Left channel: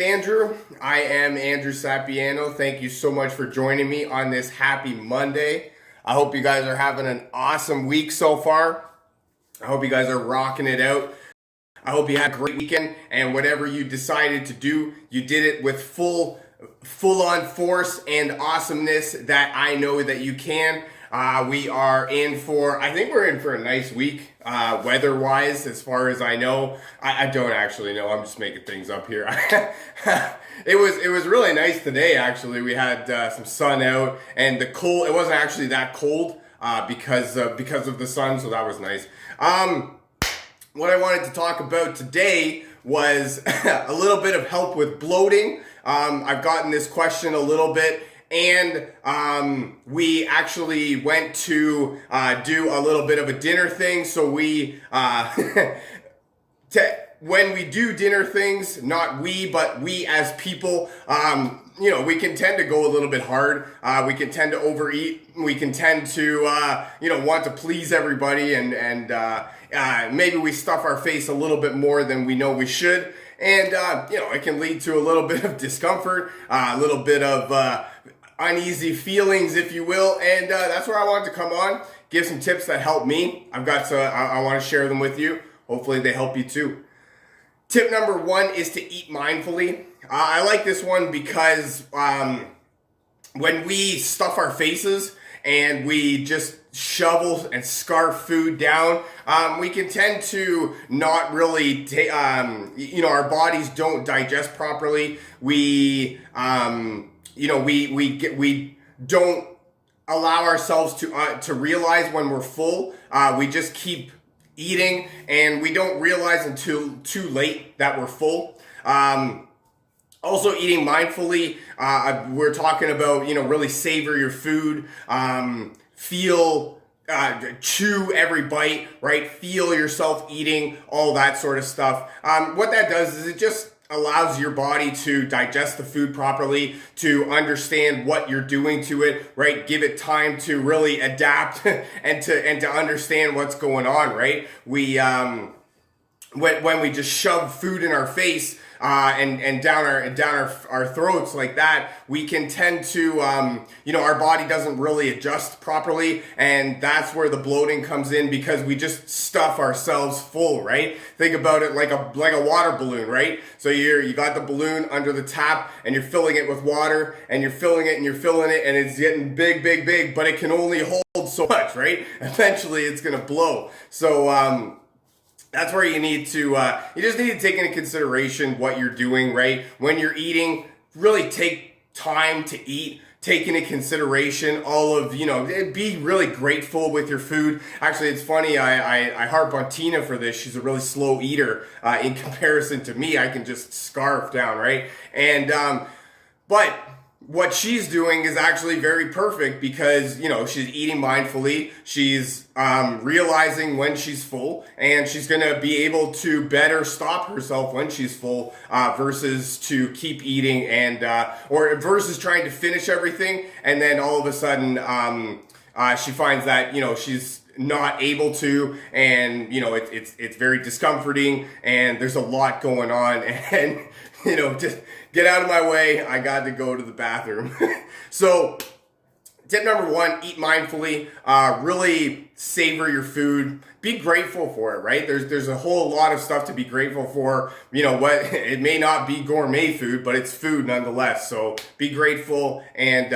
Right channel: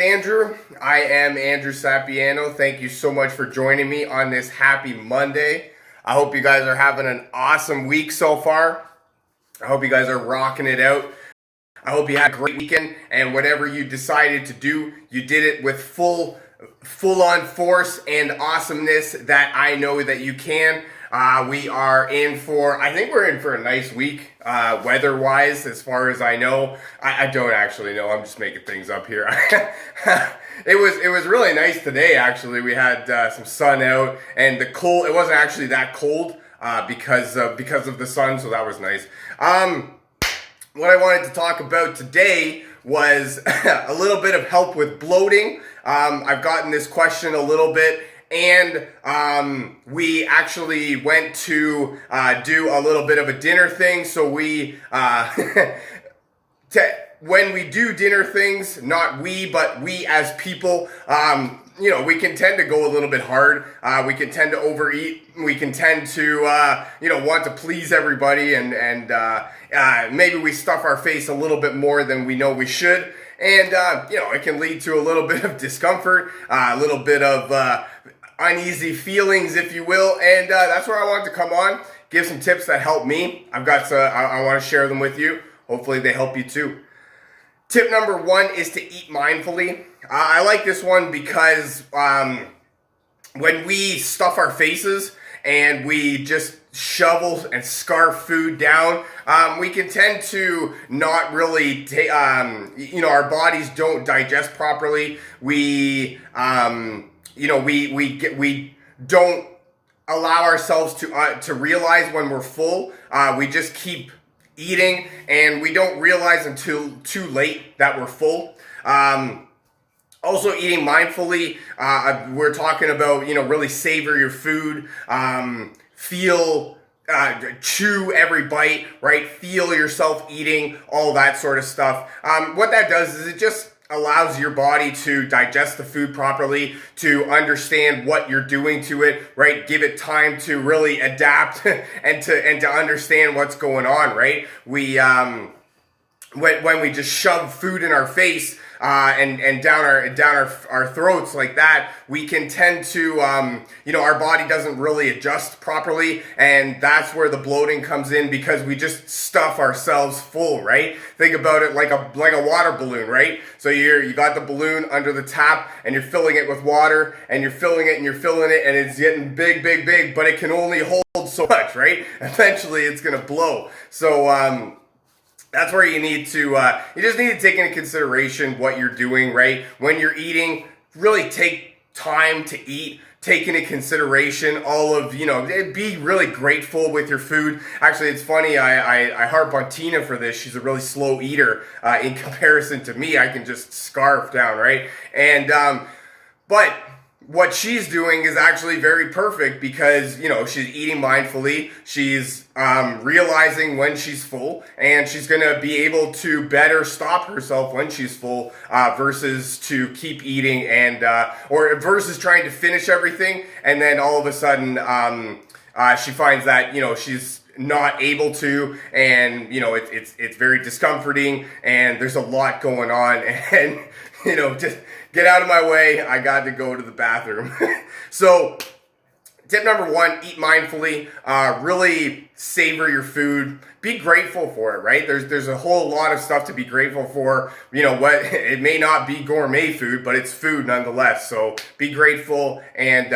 Andrew. I am Andrew Sapiano. Thank you so much for joining me on this happy Monday. I hope you guys are having an awesome week so far. I hope you guys are rocking it out. I hope you had a great weekend, and whatever you decided to do, you did it with full-on force and awesomeness that I know that you can. We are in for, I think we're in for a nice week, weather-wise, as far as I know. I don't actually know. I'm just making things up here. It was really nice today, actually. We had some sun out, and it wasn't actually that cold because of the sun, so that was nice. What I wanted to talk about today was a little bit of help with bloating. I've gotten this question a little bit, and we actually went to do a little bit of a dinner thing. So we, when we do dinner things, not we, but we as people, we can tend to go a little bit hard. We can tend to overeat. We can tend to, want to please everybody, and maybe we stuff our face a little bit more than we know we should. And, it can lead to a little bit of discomfort, a little bit of uneasy feelings, if you will. And that's where I wanted to come on, give some tips that help me. I want to share them with you. Hopefully they help you too. Tip number one is to eat mindfully. I like this one because when we stuff our faces and we just shovel and scarf food down, we can tend to not really, our bodies don't digest properly. We don't allow ourselves to realize when we're full. We just keep eating, and we don't realize until too late that we're full. Also, eating mindfully, we're talking about, really savor your food, chew every bite, right? Feel yourself eating, all that sort of stuff. What that does is it just allows your body to digest the food properly, to understand what you're doing to it, right? Give it time to really adapt and to understand what's going on, right? We when we just shove food in our face and down our throats like that, we can tend to our body doesn't really adjust properly, and that's where the bloating comes in, because we just stuff ourselves full, right? Think about it like a water balloon, right? So you got the balloon under the tap, and you're filling it with water, and you're filling it, and it's getting big, but it can only hold so much, right? Eventually it's gonna blow. So that's where you need to, you just need to take into consideration what you're doing, right? When you're eating, really take time to eat. Take into consideration all of, be really grateful with your food. Actually, it's funny, I harp on Tina for this. She's a really slow eater in comparison to me. I can just scarf down, right? And, but what she's doing is actually very perfect, because, she's eating mindfully. She's realizing when she's full, and she's going to be able to better stop herself when she's full, versus to keep eating or versus trying to finish everything. And then all of a sudden, she finds that, she's not able to, and, it's very discomforting, and there's a lot going on, and, just get out of my way. I got to go to the bathroom. So, tip number one, eat mindfully. Really savor your food. Be grateful for it, right? There's a whole lot of stuff to be grateful for. It may not be gourmet food, but it's food nonetheless. So be grateful, and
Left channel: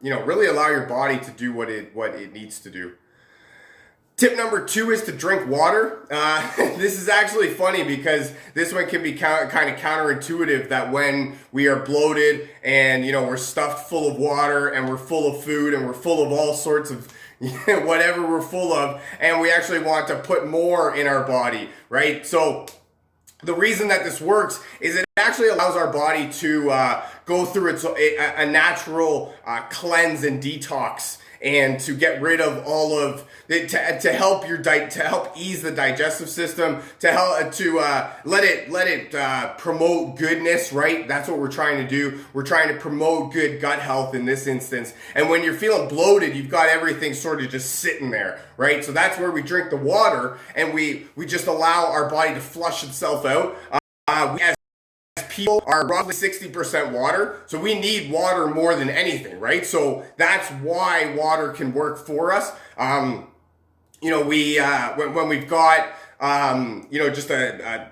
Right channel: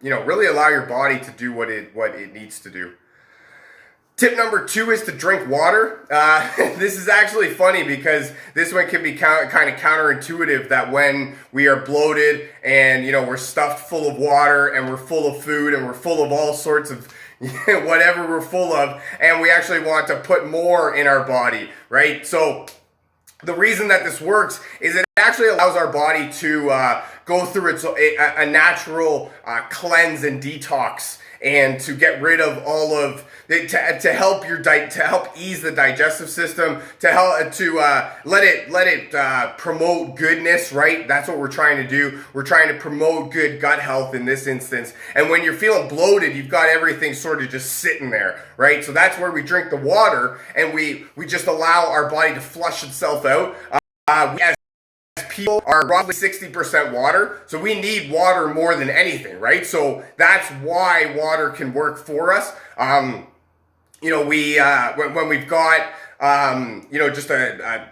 really allow your body to do what it needs to do. Tip number two is to drink water. This is actually funny, because this one can be kind of counterintuitive, that when we are bloated and, we're stuffed full of water, and we're full of food, and we're full of all sorts of whatever we're full of, and we actually want to put more in our body, right? So the reason that this works is it actually allows our body to go through a natural cleanse and detox, and to get rid of all of to help ease the digestive system, to let it promote goodness, right? That's what we're trying to do. We're trying to promote good gut health in this instance. And when you're feeling bloated, you've got everything sort of just sitting there, right? So that's where we drink the water, and we just allow our body to flush itself out. We as people are roughly 60% water, so we need water more than anything, right? So that's why water can work for us. You know, when we've got you know, just I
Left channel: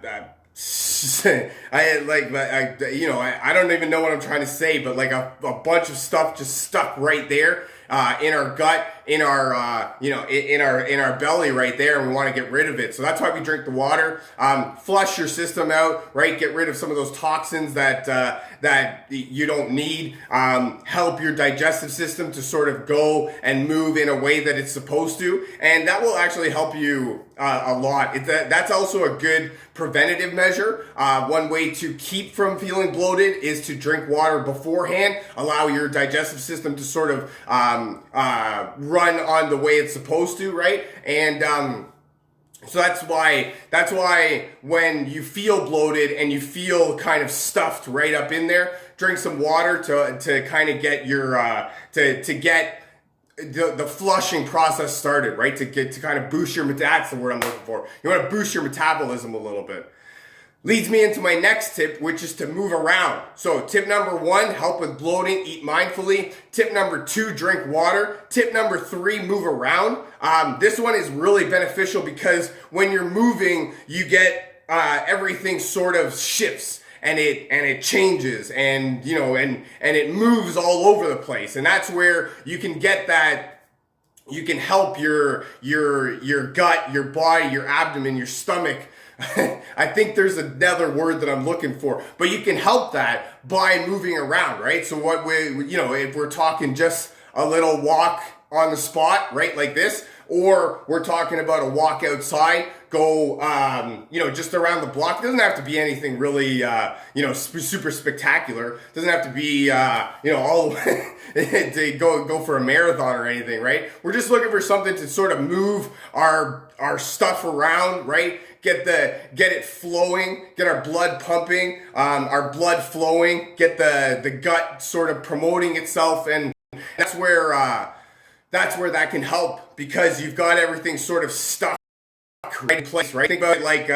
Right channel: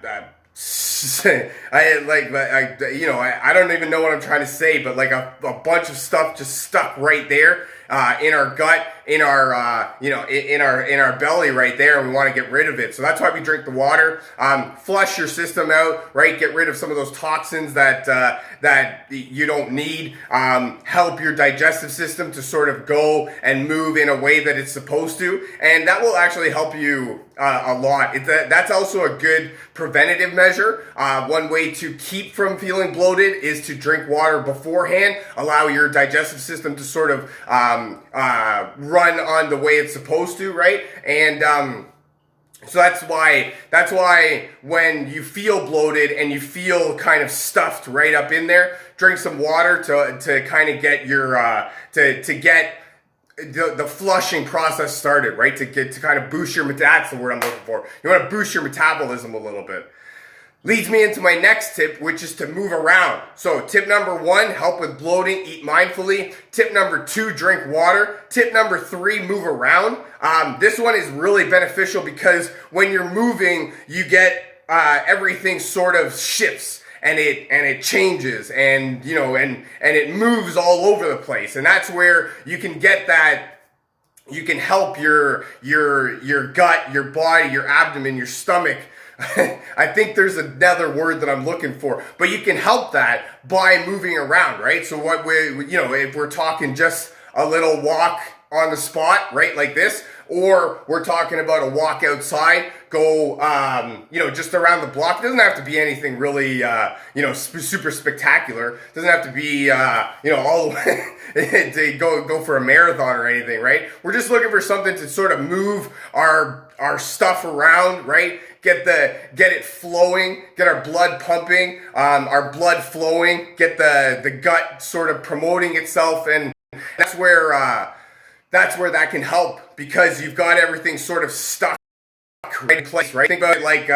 don't even know what I'm trying to say, but like a bunch of stuff just stuck right there in our gut, in our in our belly right there, and we want to get rid of it. So that's why we drink the water. Flush your system out, right? Get rid of some of those toxins that you don't need. Help your digestive system to sort of go and move in a way that it's supposed to, and that will actually help you a lot. That's also a good preventative measure. One way to keep from feeling bloated is to drink water beforehand. Allow your digestive system to sort of run on the way it's supposed to, right? And so that's why when you feel bloated and you feel kind of stuffed right up in there, drink some water to kind of get your to get the flushing process started, right? To kind of boost your that's the word I'm looking for. You want to boost your metabolism a little bit. Leads me into my next tip, which is to move around. So tip number 1, help with bloating, eat mindfully. Tip number 2, drink water. Tip number 3, move around. This one is really beneficial because when you're moving, you get everything sort of shifts. And it changes, and you know, and it moves all over the place, and that's where you can get that. You can help your gut, your body, your abdomen, your stomach. I think there's another word that I'm looking for, but you can help that by moving around, right? So what if we're talking just a little walk on the spot, right, like this, or we're talking about a walk outside, go, just around the block. It doesn't have to be anything really, super spectacular. It doesn't have to be, all the way to go for a marathon or anything, right? We're just looking for something to sort of move our stuff around, right? Get it flowing, get our blood pumping, our blood flowing, get the gut sort of promoting itself, and that's where that can help, because you've got everything sort of stuck right in place, right? Think about it like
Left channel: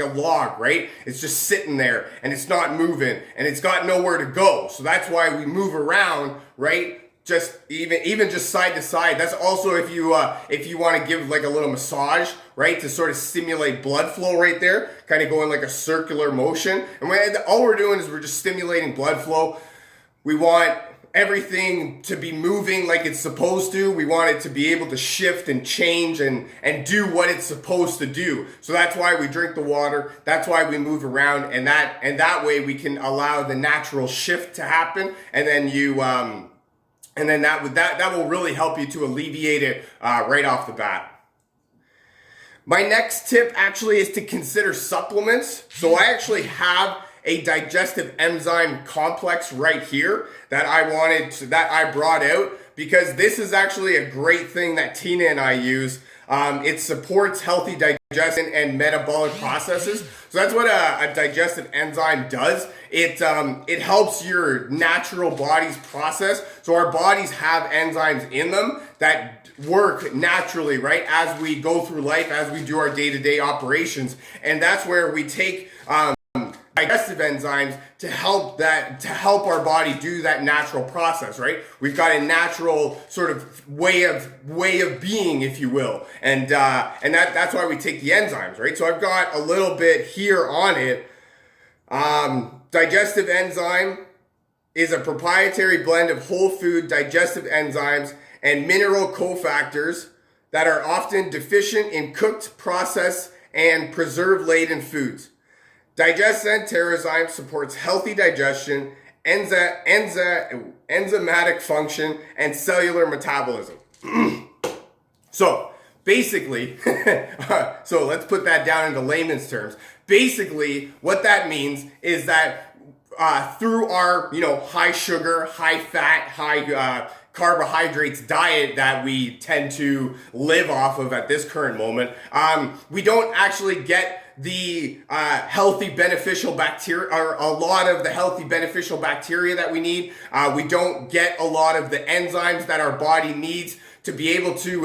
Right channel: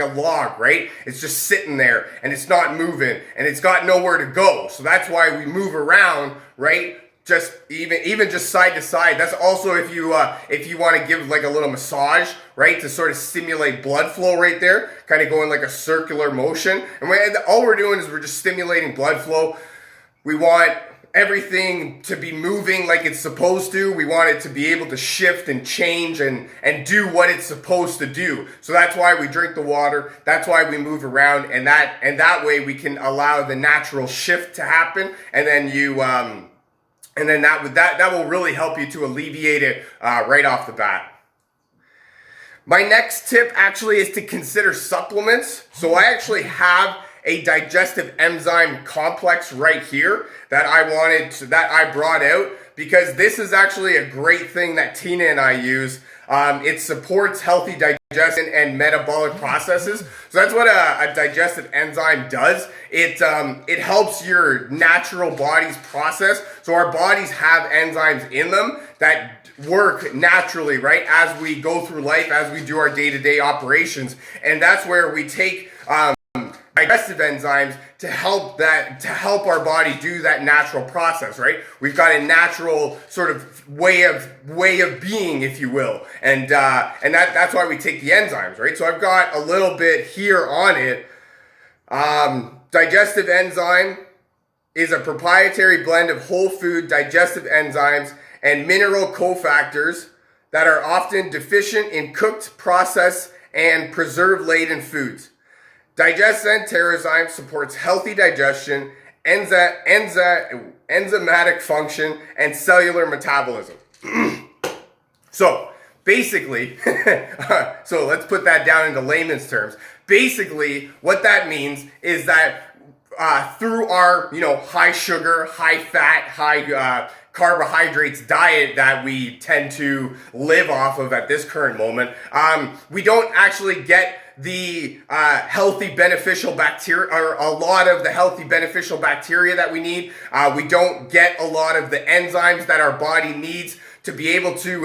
a log, right? It's just sitting there and it's not moving and it's got nowhere to go. So that's why we move around, right? Just even just side to side. That's also if you want to give like a little massage, right, to sort of stimulate blood flow right there, kind of going like a circular motion. And all we're doing is we're just stimulating blood flow. We want everything to be moving like it's supposed to. We want it to be able to shift and change and do what it's supposed to do. So that's why we drink the water. That's why we move around, and that way we can allow the natural shift to happen. And then that will really help you to alleviate it right off the bat. My next tip actually is to consider supplements. So I actually have a digestive enzyme complex right here that I brought out, because this is actually a great thing that Tina and I use. It supports healthy digestion and metabolic processes. So that's what a digestive enzyme does. It helps your natural body's process. So our bodies have enzymes in them that work naturally, right, as we go through life, as we do our day-to-day operations. And that's where we take digestive enzymes to help our body do that natural process, right? We've got a natural sort of way of being, if you will, and that's why we take the enzymes, right? So I've got a little bit here on it. Digestive enzyme is a proprietary blend of whole food digestive enzymes and mineral cofactors that are often deficient in cooked, processed, and preserve-laden foods. Digestive enzyme supports healthy digestion, enzymatic function, and cellular metabolism. So basically, so let's put that down into layman's terms. Basically, what that means is that through our high sugar, high fat, high carbohydrates diet that we tend to live off of at this current moment, we don't actually get the healthy beneficial bacteria, or a lot of the healthy beneficial bacteria that we need. We don't get a lot of the enzymes that our body needs to be able to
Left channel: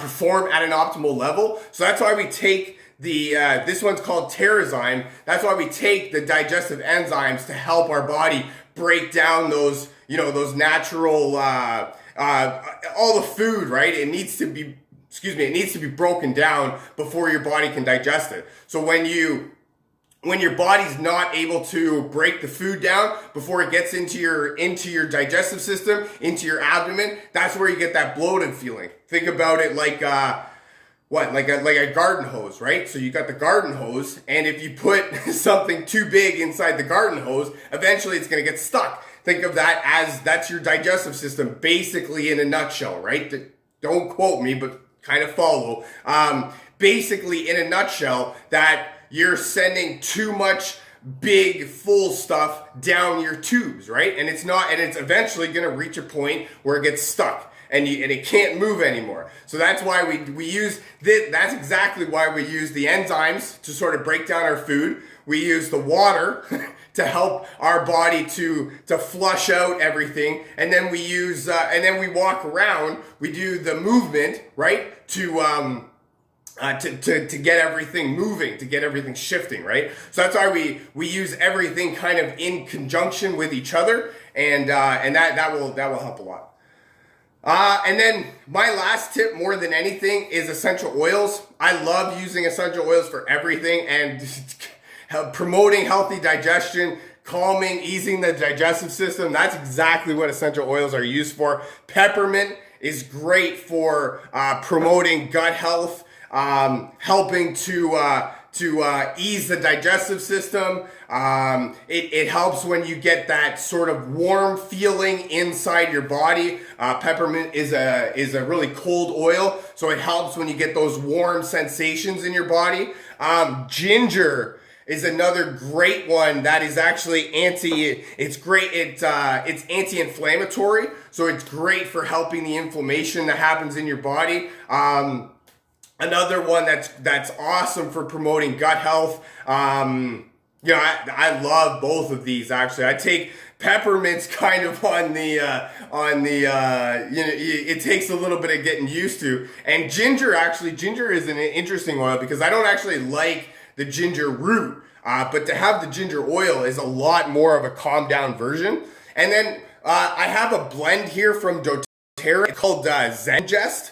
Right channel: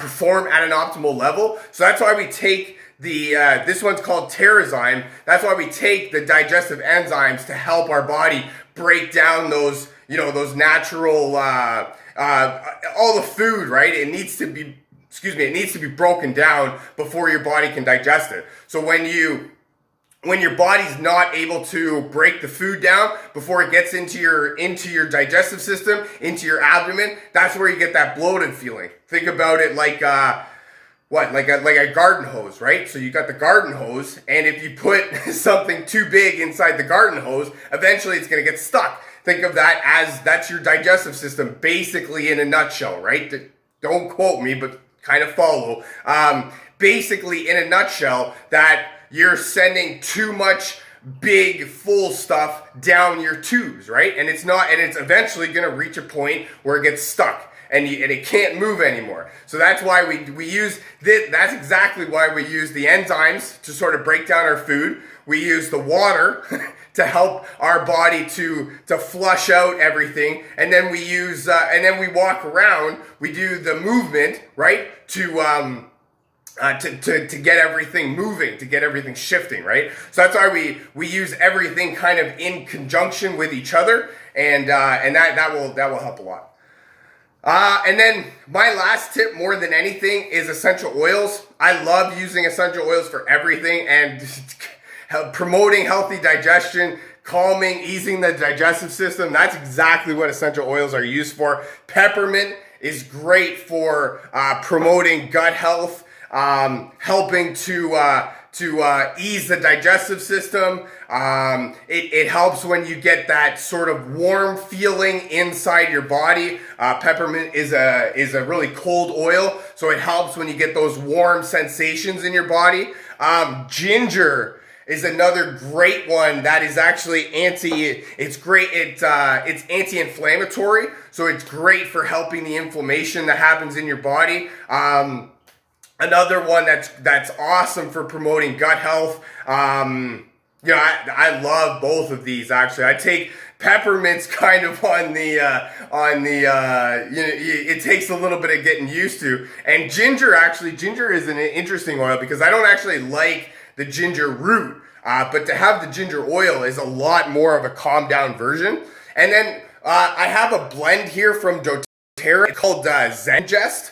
perform at an optimal level. So that's why we take this one's called Terrazyme. That's why we take the digestive enzymes to help our body break down those, those natural, all the food, right? It needs to be, it needs to be broken down before your body can digest it. So when your body's not able to break the food down before it gets into your digestive system, into your abdomen, that's where you get that bloated feeling. Think about it like like a garden hose, right? So you got the garden hose, and if you put something too big inside the garden hose, eventually it's going to get stuck. Think of that as that's your digestive system, basically in a nutshell, right? Don't quote me, but kind of follow. Basically, in a nutshell, that you're sending too much big, full stuff down your tubes, right? And it's eventually going to reach a point where it gets stuck. And it can't move anymore. So that's why we use this. That's exactly why we use the enzymes to sort of break down our food. We use the water to help our body to flush out everything, and then we use and then we walk around. We do the movement, right, to get everything moving, to get everything shifting, right? So that's why we use everything kind of in conjunction with each other, and that will help a lot. And then my last tip, more than anything, is essential oils. I love using essential oils for everything, and promoting healthy digestion, calming, easing the digestive system. That's exactly what essential oils are used for. Peppermint is great for promoting gut health, helping to ease the digestive system. It helps when you get that sort of warm feeling inside your body. Peppermint is a really cold oil, so it helps when you get those warm sensations in your body. Ginger is another great one that is actually it's anti-inflammatory, so it's great for helping the inflammation that happens in your body. Another one that's awesome for promoting gut health. I love both of these, actually. I take peppermints kind of it takes a little bit of getting used to. And ginger is an interesting oil because I don't actually like the ginger root, but to have the ginger oil is a lot more of a calm down version. And then I have a blend here from doTERRA called Zengest.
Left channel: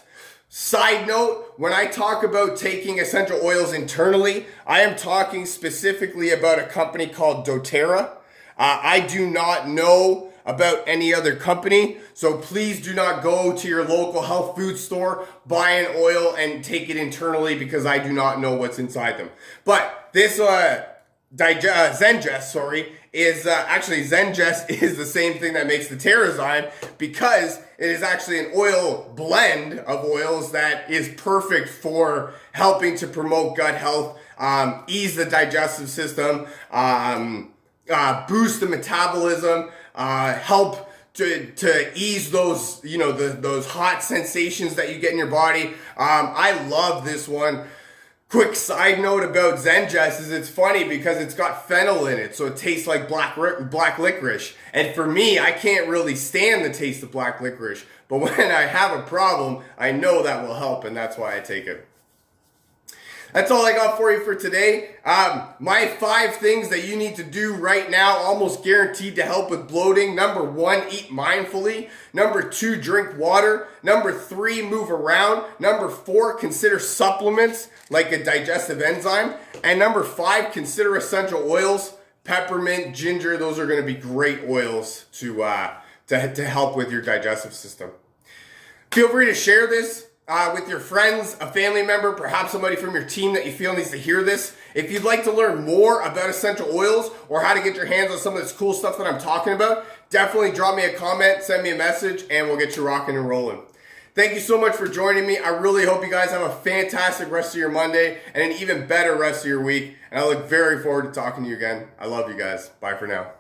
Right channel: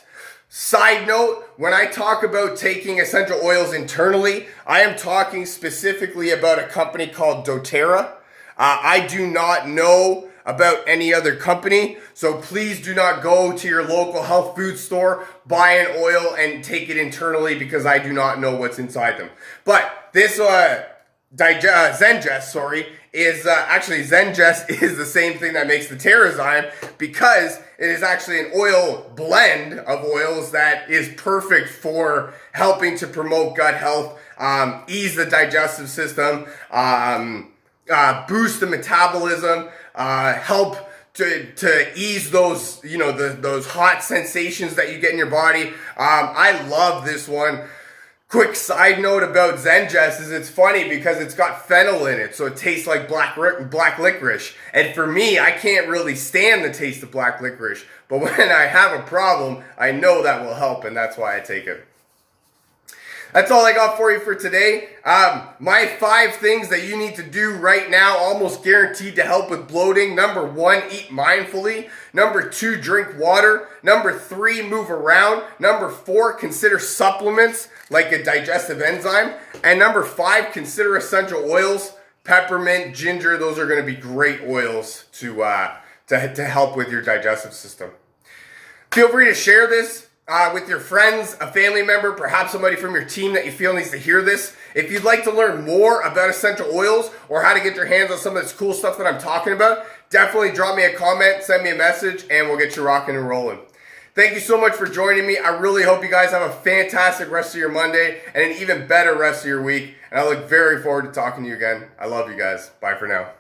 Side note, when I talk about taking essential oils internally, I am talking specifically about a company called doTERRA. I do not know about any other company, so please do not go to your local health food store, buy an oil, and take it internally because I do not know what's inside them. But this Zengest, Zengest is the same thing that makes the Terrazyme, because it is actually an oil blend of oils that is perfect for helping to promote gut health, ease the digestive system, boost the metabolism, help to ease those, those hot sensations that you get in your body. I love this one. Quick side note about Zengest is it's funny because it's got fennel in it, so it tastes like black licorice. And for me, I can't really stand the taste of black licorice, but when I have a problem, I know that will help, and that's why I take it. That's all I got for you for today. My 5 things that you need to do right now, almost guaranteed to help with bloating. Number 1, eat mindfully. Number 2, drink water. Number 3, move around. Number 4, consider supplements like a digestive enzyme. And number 5, consider essential oils. Peppermint, ginger, those are going to be great oils to help with your digestive system. Feel free to share this with your friends, a family member, perhaps somebody from your team that you feel needs to hear this. If you'd like to learn more about essential oils or how to get your hands on some of this cool stuff that I'm talking about, definitely drop me a comment, send me a message, and we'll get you rocking and rolling. Thank you so much for joining me. I really hope you guys have a fantastic rest of your Monday and an even better rest of your week. And I look very forward to talking to you again. I love you guys. Bye for now.